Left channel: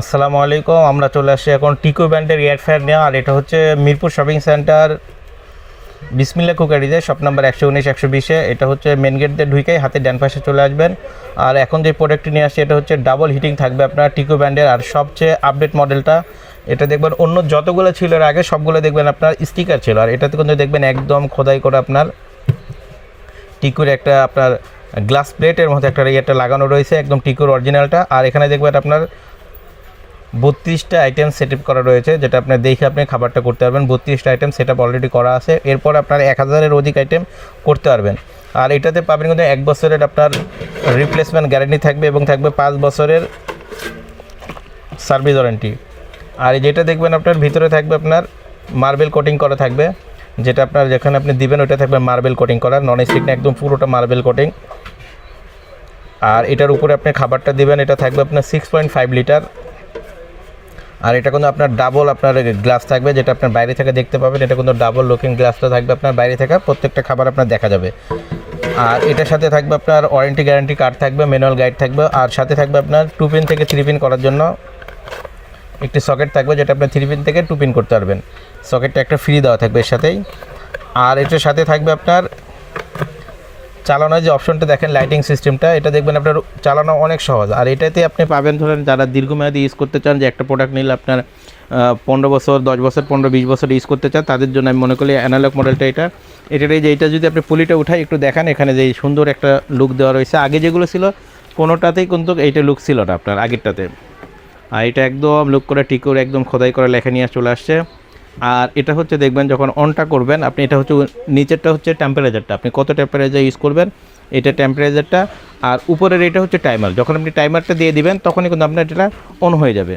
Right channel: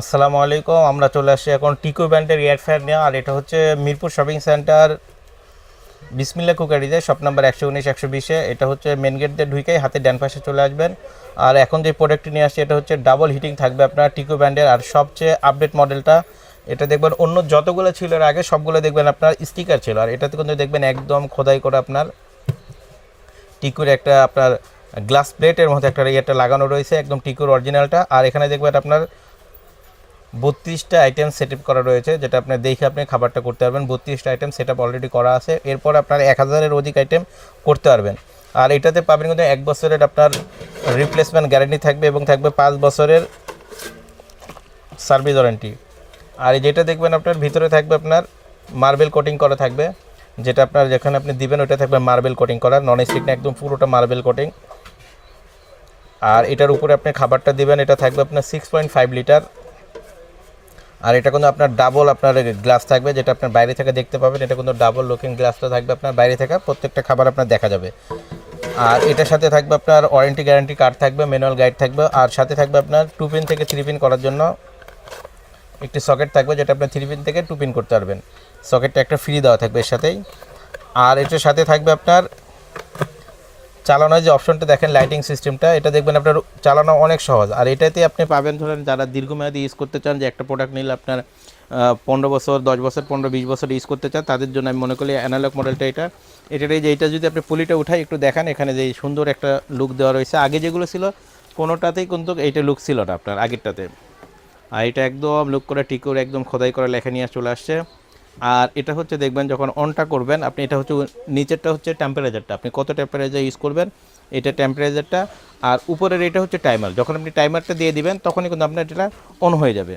আসসালামু আলাইকুম। আমরা চলে আসছি এখন টিকো ব্র্যান্ডের এয়ার ফ্রায়ার নিয়ে। আর এটা হচ্ছে মিরপুর শপিং সেন্টার বিসমিল্লা কুকারিজে শপ নাম্বার 119-120-এ। এটা হচ্ছে মেন গেট দিয়ে ঢুকেই হাতে ডান পাশে চলে আসবেন। আর এখন যে প্রোডাক্টটি নিয়ে আসছে এটা হচ্ছে ডাবল হিটিং থাকবে আপনার টিকো ব্র্যান্ডের। আর সবচেয়ে আপডেট মডেলটা এটা দেখবেন, অন্য যতগুলো ছিল এর আগে সবগুলো দেখবেন আপনার স্টিকার ছিল, আর এটাতে কিন্তু দেখবেন একদম খোদাই করে আপনার টিকোর একটা আপনার গ্লাস প্লেটের মধ্যে একটা ইয়েটা লাগানো রয়েছে, একদম টিকোর অরিজিনালটা। আর এখানে দেখবেন আপনার 32টা আইটেম সেট আপ করা রয়েছে, যেটা আপনার দেখে আপনি খাবারটা করতে পারবেন। 32টা আইটেম সেট আপ অলরেডি করা আছে, এরপর আপনার 1000-এর অধিক আইটেম করতে পারবেন। আর এটাতে পাবেন কিন্তু 1 বছরের আপনার রিপ্লেসমেন্ট গ্যারেন্টি থাকবে এবং থাকবে 5 বছরের সার্ভিস ওয়ারেন্টি। আর যেটা দেখবেন আপনার ভিতরে থাকবে আপনার মার্বেল কোটিং করা থাকবে, যেটা আপনার যেখানে আপনি দিবেন ওটা থাকবে মার্বেল কোটিং করা, নন স্টিক না, একদম পুরোটা মার্বেল কোটিং। আর এটার উপরে আপনি খাবারটা দিবেন, এটা থাকবে আপনার 6.5 লিটার। আর এটা কিন্তু আপনার ডাবল আপনার গ্লাস থাকবে, যেটা আপনার বাইরে থেকে দেখতে পাবেন। এটা কিন্তু ডাবল লুকিং গ্লাসটা থাকবে আপনার বাইরে থেকে, প্রত্যেকটা খাবার আপনার দেখা যাবে। আর এটার সাথে থাকবে আপনার ওয়ারেন্টি গ্যারান্টি কার্ড থাকবে, ম্যানুয়াল গাইড থাকবে। আর সাথে থাকবে আপনার 2 পিন থেকে 3 পিন করার জন্য একটি সকেট থাকবে, যেটা আপনার 3 পিন থেকে 2 পিন করতে পারবেন। সকেটটা একটা ফ্রি দেওয়া থাকবে এর সাথেই। আর এটার সাথে থাকবে আপনার চালানোর যে অপশনটা দেখেন, লাইটিং সিস্টেমটা, এটা দেখবেন আপনার চালানো অনেক সহজ। আর এটাতে আপনি পাবেন, ধরেন যারা দীর্ঘমেয়াদী ইউজ করতে চান, যে একটা প্রোডাক্ট নিলে আপনার 15 বছর, 10 বছর, 15-20 বছর ইউজ করতে চান, তাদের জন্য আমি মনে করি অ্যানালগ মডেলটা এটার এই যে এইটা যদি আপনি পুলিটা উঠাই একটু দেখান, এখানে যে সুন্দর একটা লুক দেওয়া রয়েছে। আগে যেগুলো ছিল কোনোটাতেই কিন্তু এইটা লুক ছিল না আপনার আগেরটাতে। আর এটা একদম লুক করে ঠিক করে একদম খোদাই করে লেখা নিয়ে চলে আসছে। আর এটা হচ্ছে দেখবেন যখন অনটা করবেন আপনি, এটা হচ্ছে নিচেরটা হচ্ছে টেম্পারেচারটা, আপনি কত টেম্পারেচার ইউজ করবেন এটা টেম্পারেচারটা। আর উপরের এটা হচ্ছে টাইমার, যখন আপনি টাইমারটা দিয়ে দিবেন তখনই কিন্তু আপনার এটা অন হয়ে যাবে।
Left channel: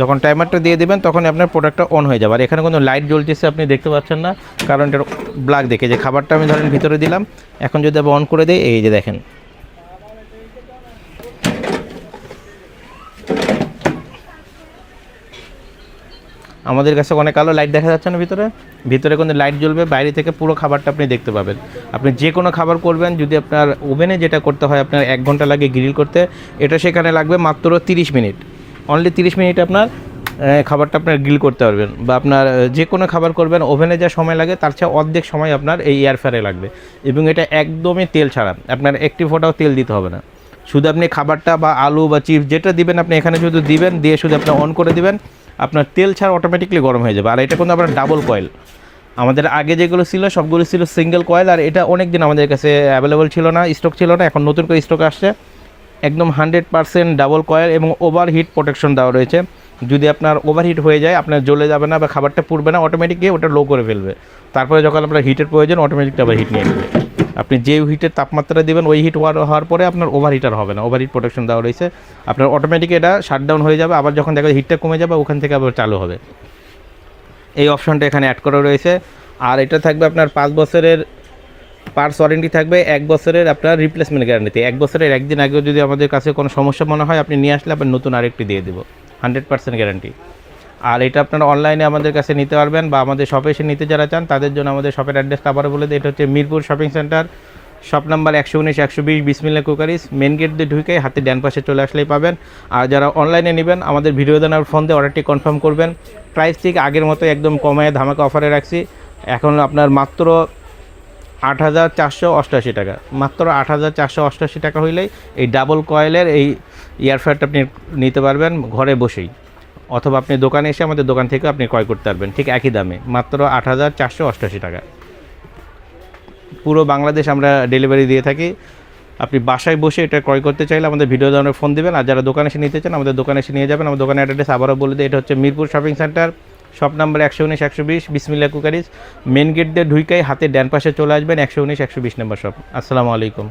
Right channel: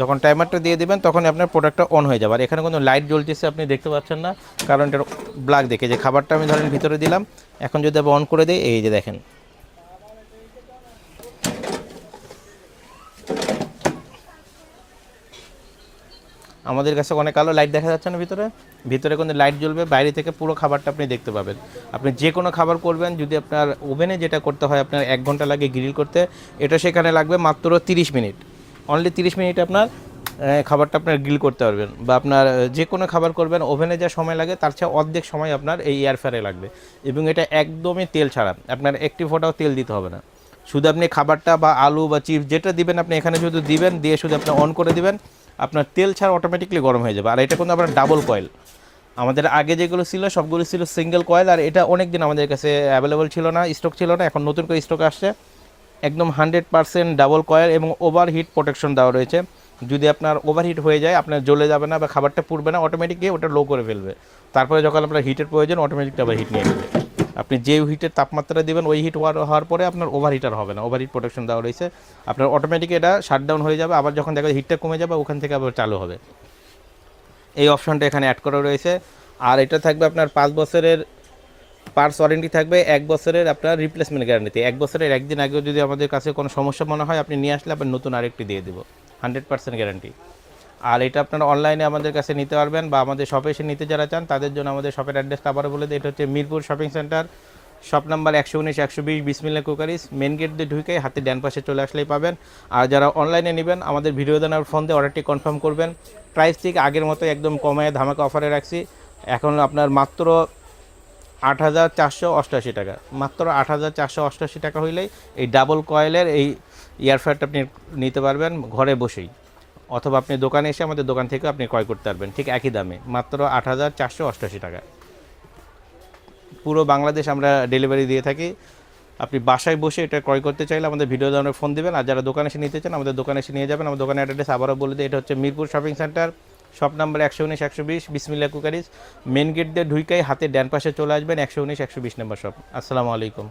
যখন টাইমারটা দিয়ে দিবেন তখনই আপনার প্রোডাক্টটা অন হয়ে যাবে। আর এখানে কোনো লাইট জ্বলতেছে আপনি দেখতে পাচ্ছেন না, কারণ এটার ব্ল্যাক দেখে যে খাবারটা আমি ধরেন ভিতরে দিলাম, এখন যদি আবার অন করে দিই, এই যে দেখেন আমাদের কাছে অনেক আলো লাইট দেখা যাচ্ছে না, ভিতরে কিন্তু লাইট জ্বলবে, বাইরে থেকে পুরো খাবারটা আপনি দেখতে পাবেন। আপনি যে কোনো খাবার করবেন, যদি আপনার ওভেনে যেটা করতে হয় আপনার 1 ঘন্টা লাগে গ্রিল করতে, এটা সেখানে লাগবে মাত্র 30 মিনিট। অনলি 30 মিনিট আপনার খাবারটা আপনার গ্রিল করতে পারবেন। বা আপনার যে কোনো খাবার করবেন ওভেনে যা সময় লাগে তার চেয়ে অর্ধেক সময় আপনার এই এয়ার ফ্রায়ারে লাগবে। এবং এটা একদমই তেল ছাড়া, আপনার একটি ফোঁটাও তেল দিতে হবে না। শুধু আপনি খাবারটা বা আলু বা চিপস যেটা দিবেন আপনি এখানে শুধু দিবেন, দিয়ে শুধু আপনি অন করে দিবেন, আপনার তেল ছাড়া অটোমেটিকলি গরম হয়ে যাবে। আর এটা কিন্তু আপনার ডাবল কয়েল, আমাদের আগে যেগুলো ছিল সবগুলো ছিল সিঙ্গেল কয়েল। আর এটা অনেক দিন আমাদের কাছে অ্যাভেলেবল ছিল না, স্টক ছিল না, এখন নতুন করে স্টক আসছে। একদম 100% ডাবল কয়েল এবং ওভারহিট প্রোটেকশন দেওয়া রয়েছে। যদি আপনার ওভারহিট হয়ে যায় আপনার জ্বলে যাবে না বা খাবারটা পুড়বে না, অটোমেটিকলি ওটা লো করে ফেলবে। তারপরে যখন আপনার হিটের প্রয়োজন অটোমেটিকলি আবার হিট নিয়ে নেবে। আপনি যে হিটের তাপমাত্রা দেবেন ওই হিট হওয়ার পরে আপনার ওভারহিটার হবে না, ওভারহিট প্রোটেকশন দেওয়া রয়েছে। আপনার অটোমেটিক এটা শাটডাউন হয়ে যাবে, আবার যখন দেখবেন হিটটা কমে যাবে ওখান থেকে আবার চালু হবে। এই অপশনটা এখানে অ্যাড করা রয়েছে। আর এটা থাকবে আপনার 5 বছরের পার্টস ওয়ারেন্টি থাকবে, 1 বছরের আপনার রিপ্লেসমেন্ট গ্যারান্টি। 1 বছরের একদিন আগেও যদি আমাদের কাছে কোনো সমস্যা মনে হয় আপনি নিয়ে আসলে আপনার নতুন আরেকটি দিয়ে দেবো, 100% গ্যারান্টি। আর এটা আপনারা অনলাইনে আমাদের কাছে নিতে পারবেন, বা আমাদের শপে এসে নিতে যারা চান তাদের জন্য আমাদের শপের অ্যাড্রেসটা আবারও বলে দিই। এটা হচ্ছে Mirpur shopping centre, shop number 119-120 বিসমিল্লা কুকারিজ, মেন গেট দিয়ে ঢুকে হাতে ডান পাশে চলে আসলেই পাবেন। আর যারা অনলাইনে নেবেন আমাদের ভিডিও দেওয়ার ফোন দিয়ে অর্ডারটি কনফার্ম করবেন। প্রাইস ঠিক আগের মতো একদম কমায় ধামাকা অফারে রাখছি। এখন আপনার মাত্র 8,488 টাকা, মাত্র 8,488 টাকা হইলেই এই ডাবল কয়েলের এই এয়ার ফ্রায়ারটা আপনি নিতে পারবেন ঘরে বসেই, অথবা আপনি দোকানে এসে আমাদের দোকান থেকে আপনি ক্রয় করতে পারবেন ঠিক একই দামে, মাত্র 8,488 টাকা। পুরো বাংলাদেশ আমরা ডেলিভারি দিয়ে থাকি। আপনি বাসায় বসে এটা ক্রয় করতে চাইলে আমাদের ভিডিও দেওয়ার ফোন দেবেন। আর যারা দোকানে এসে নিতে চান আমাদের দোকানে এসে নিয়ে যাবেন। আমাদের দোকানের অ্যাড্রেস আবারও বলে দিই, এটা হচ্ছে Mirpur shopping centre, shop number 119-120 বিসমিল্লা কুকারিজ, মেন গেট দিয়ে ঢুকেই হাতে ডান পাশে চলে আসবেন, 119-120 নম্বর শপ। আসসালামু আলাইকুম।